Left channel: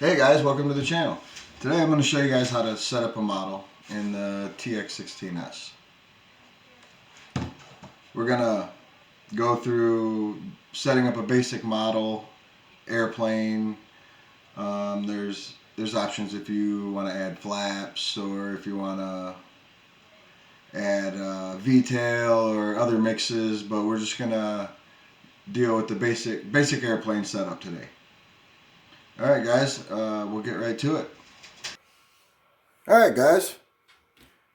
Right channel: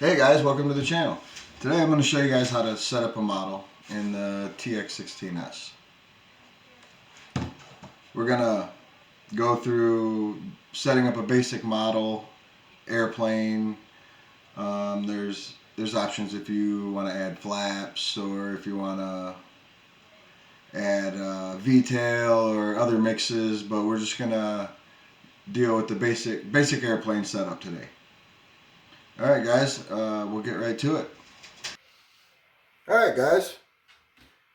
Hey guys, welcome to the channel. Today I'm going to show you guys how to set up a model in the Tx16s. We're going to go through setting up a basic model, airplane. There's options if you want to add flaps or if you want to add V-tail or other mixes, but we're just going to deal with the basic airplane setup today. Alright guys, we'll get right to it. Alright guys,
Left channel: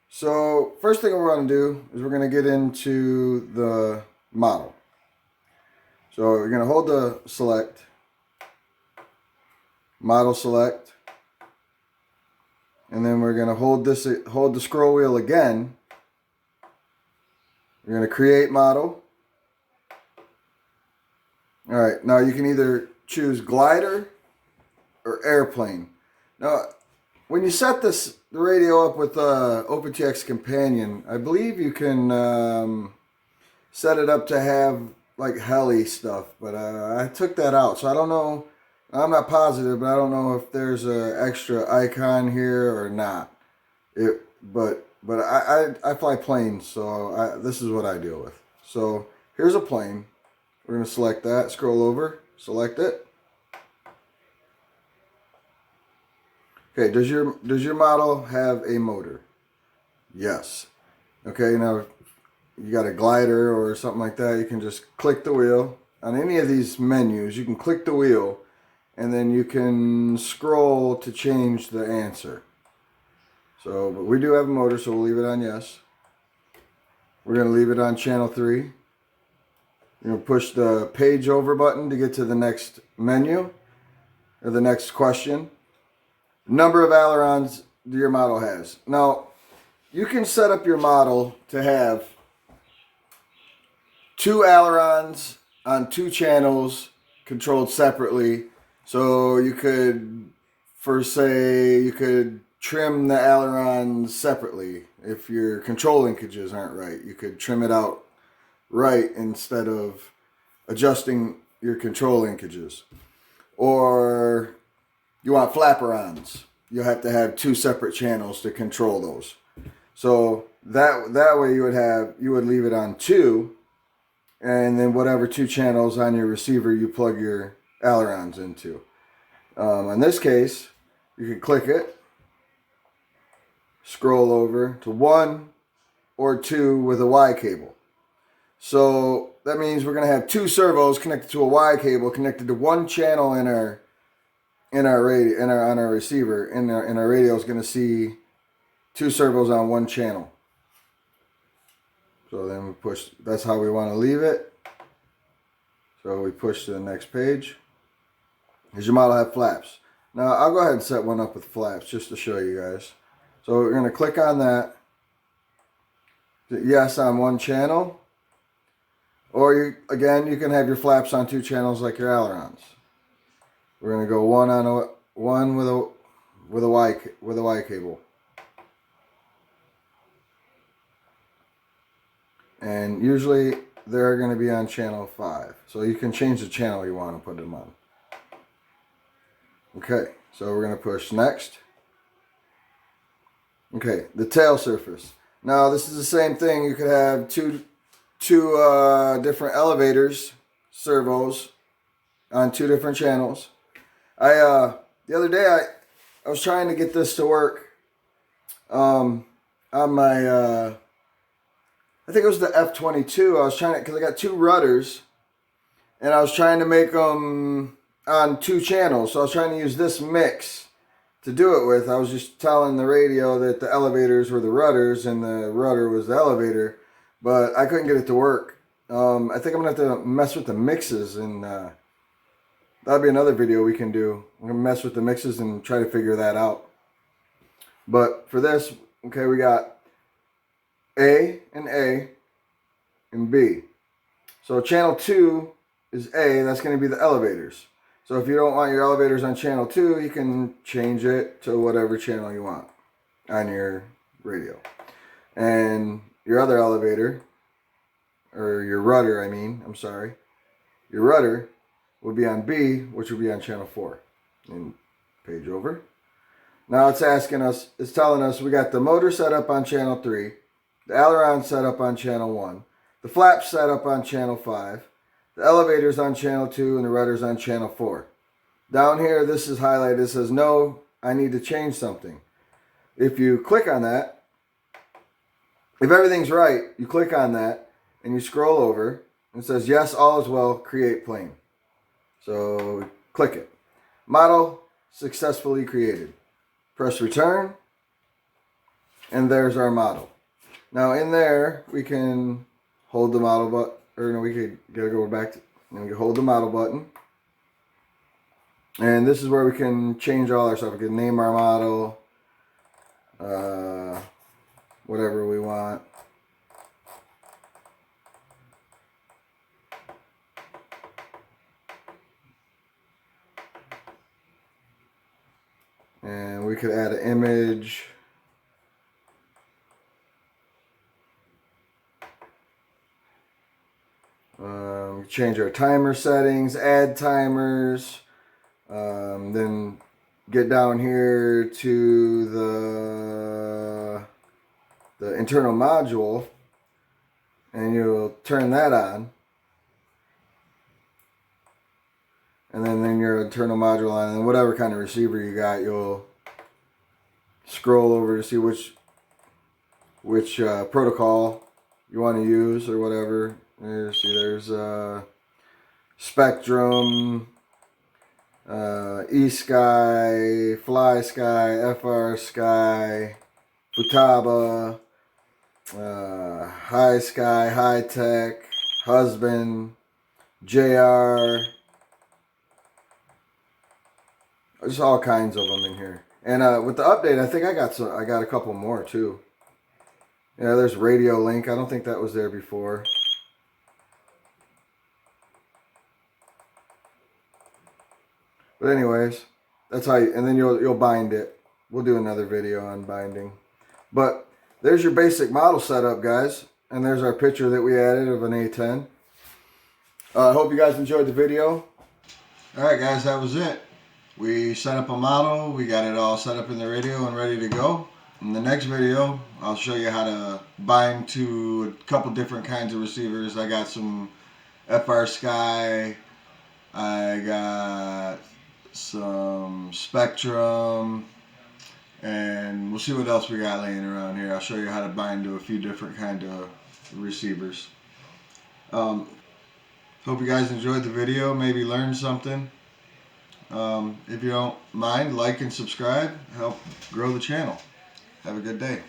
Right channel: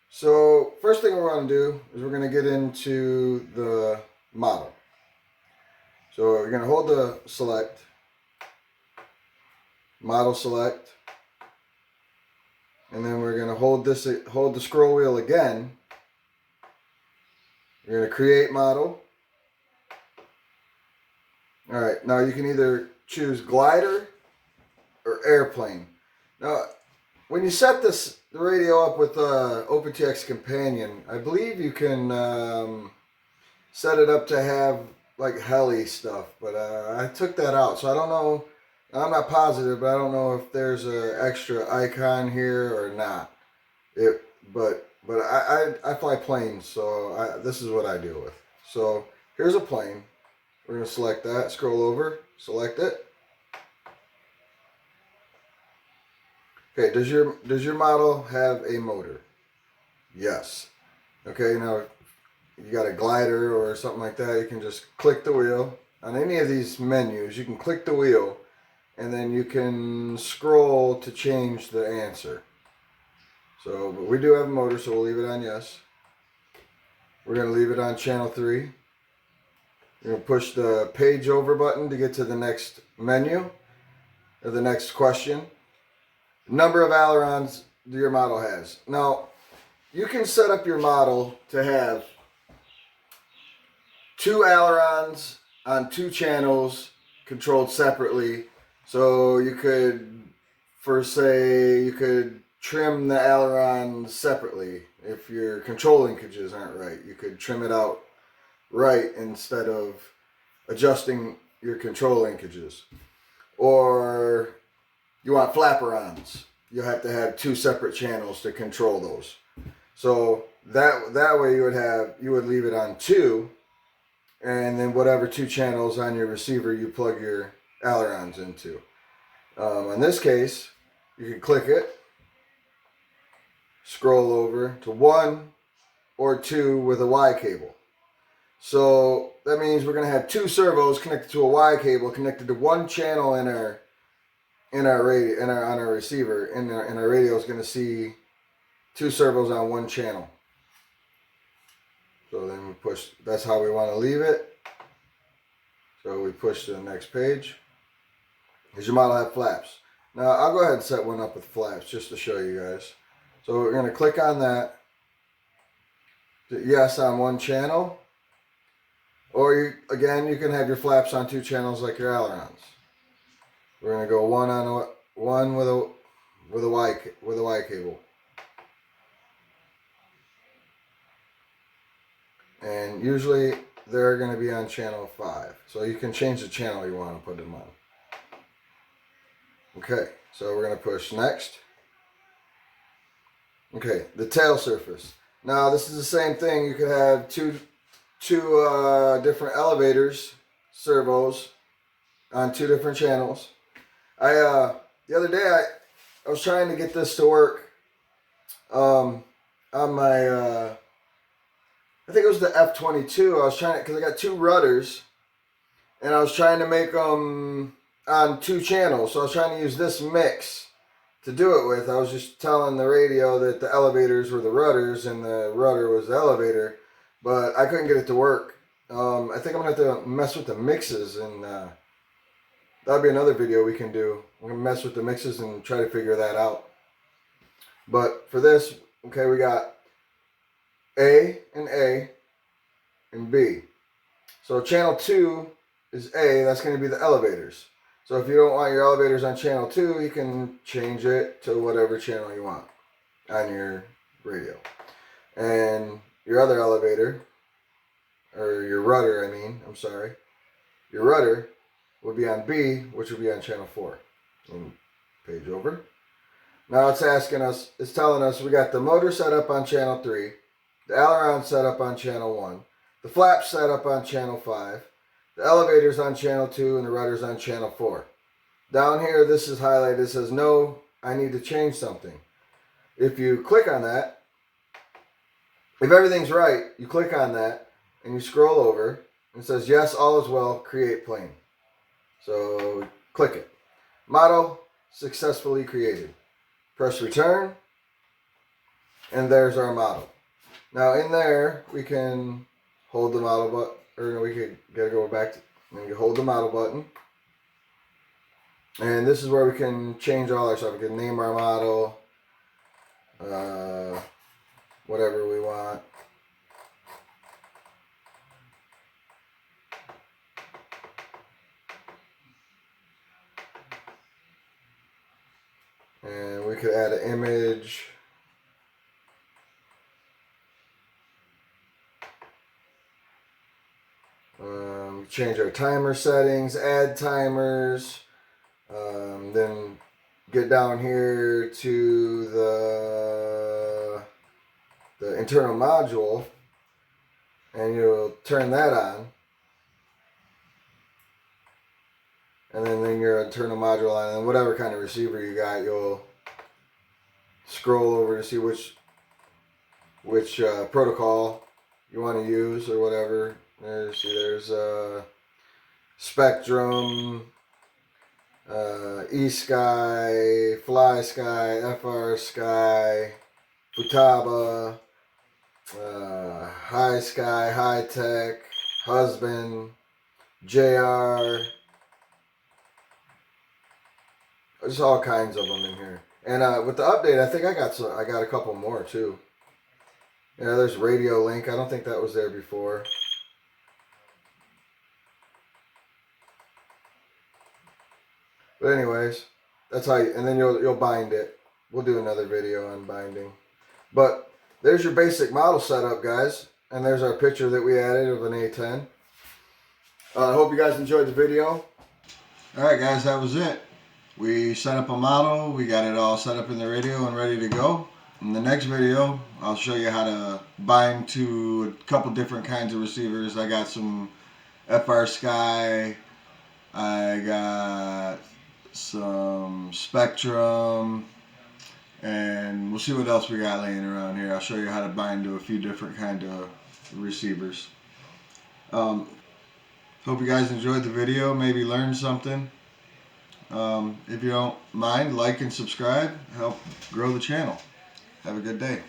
so first thing we're going to do is we're going to get into the model. So you're going to hold the select, model select, and then we're going to hold the scroll wheel again. We're going to create model. Alright, now you can either choose glider or airplane. Now, when you set the radio up with OpenTX Companion, I believe you can set it up to have like heli stuff, but I took that out, so I don't know. I'm not positive, but I don't know if there's an extra icon here or not. But I fly planes, so this is what I deal with. So here's a plane. We're gonna select that. Scroll over, select it. Okay, does your model have a motor? Yes. Okay, now you got a glider or something like that, you can just click the wheel. On any of these menus, you can click the wheel and then you can scroll to change the answer. So, but we do have a motor, so we'll leave it on yes. We're going to leave it on channel 3. You're going to push the page over button to get to the next menu or the next question. Number of ailerons your model has. Now, you can set up your model to have 2 ailerons on 2 channels controlled separately. So you could, you could trim the ailerons separately. If your control linkages aren't right, you could trim it out right instead of adjusting your control linkages. Or you want flaperons. You'll have to have 2 separate channels to control those. So that way you would leave it on 2, and then whatever 2 channels on your receiver you plug your ailerons into. In this case, you can click it, scroll over to 1 or 2 with a Y cable. So that means we're going to have 2 servos connected to a Y cable connected to 1 channel on our receiver, and our radio is going to see 2 servos on 1 channel. So then we push, that's how we want to leave it. So we push to the next page. Does your model have flaps? Now I'll go ahead and set one up with flaps just to show you guys. So we're going to click on that. Yes on 1 channel. Or again, you can have your flaps on 2 channels like your ailerons. We're going to go 1 with a Y cable. And usually they're going to be on channel 5. So you can change the channel you want to put them on. Okay, so we're going to push next. Okay, the tail surface. Now this is the same thing. You could have two different elevators, servos, on 2 different channels. The other day I was trying to get this to work on my I think it was the F-22. I was trying to, because I got 2 rudders, and I was trying to make them on 2 channels. So I was trying to use this mix to do it with. I was just telling the radio that the elevators were the rudders and the rudder was the elevator, but I couldn't get it to work. I think I'm going to have to mess with the mixes, and that'll be another video we can do. I'm going to mess with the mixes and try to figure that out. But for this, okay, we got A and B. So channel 2 is A, that's going to be the elevators. So if you don't want your elevators on channel 2, you can change it to whatever channel you want on your radio. And your other elevator, or your rudder, your rudder will be on B, which will be on channel 4. And Page over. Now it's asking us, it's telling us we got the motor set up on channel 3, the ailerons set up on channel 1, the flaps set up on channel 5, the elevators on channel 2, and the rudders on channel 4. Down here, this is highlighted. It says, no, I need to change something. If you click on that, if everything's right, you click on that and you scroll over and it says, yes, all is well, create plane. So click it. Model successfully created. Press return, and there's our model. Now in there, we can hold the model button, or no, we could gotta go back to, and we can hold the model button. And this is where we can change all our stuff. We can name our model, whatever we want. And we could add an image. Change our timer settings, add timers. Then get down here to the internal module, and you'll turn that on. And then your internal module on, and whatever kind of receiver you got, you'll scroll over to see which protocol you want to use or whatever. There's Spectrum, E-Sky, Fly Sky, FR Sky, Futaba, High Sky, High Tech, Husband, JR. There's all kinds of them in here. And with the update, I think I got a couple more too. Yeah, there's Radio Link. I don't think that was there before. But anyways, that's how and then you'll bind it. We'll do another video on binding. But there's your basic model setup, guys. And there's our picture that we added of an A10. I hope you guys enjoyed the video. Alright guys, that was it. We set up a model, we got it all set up in the radio and ready to go. In the next video, I'll show you how to bind to a couple different kinds of receivers. I got some FR Sky, I got some Spectrum, and we'll see what else we got laying around here. I'll show you how to bind to a few different kind of receivers. Hope you guys enjoyed the video, maybe learned something. If you don't mind, like and subscribe, help grow the channel. Have a good day.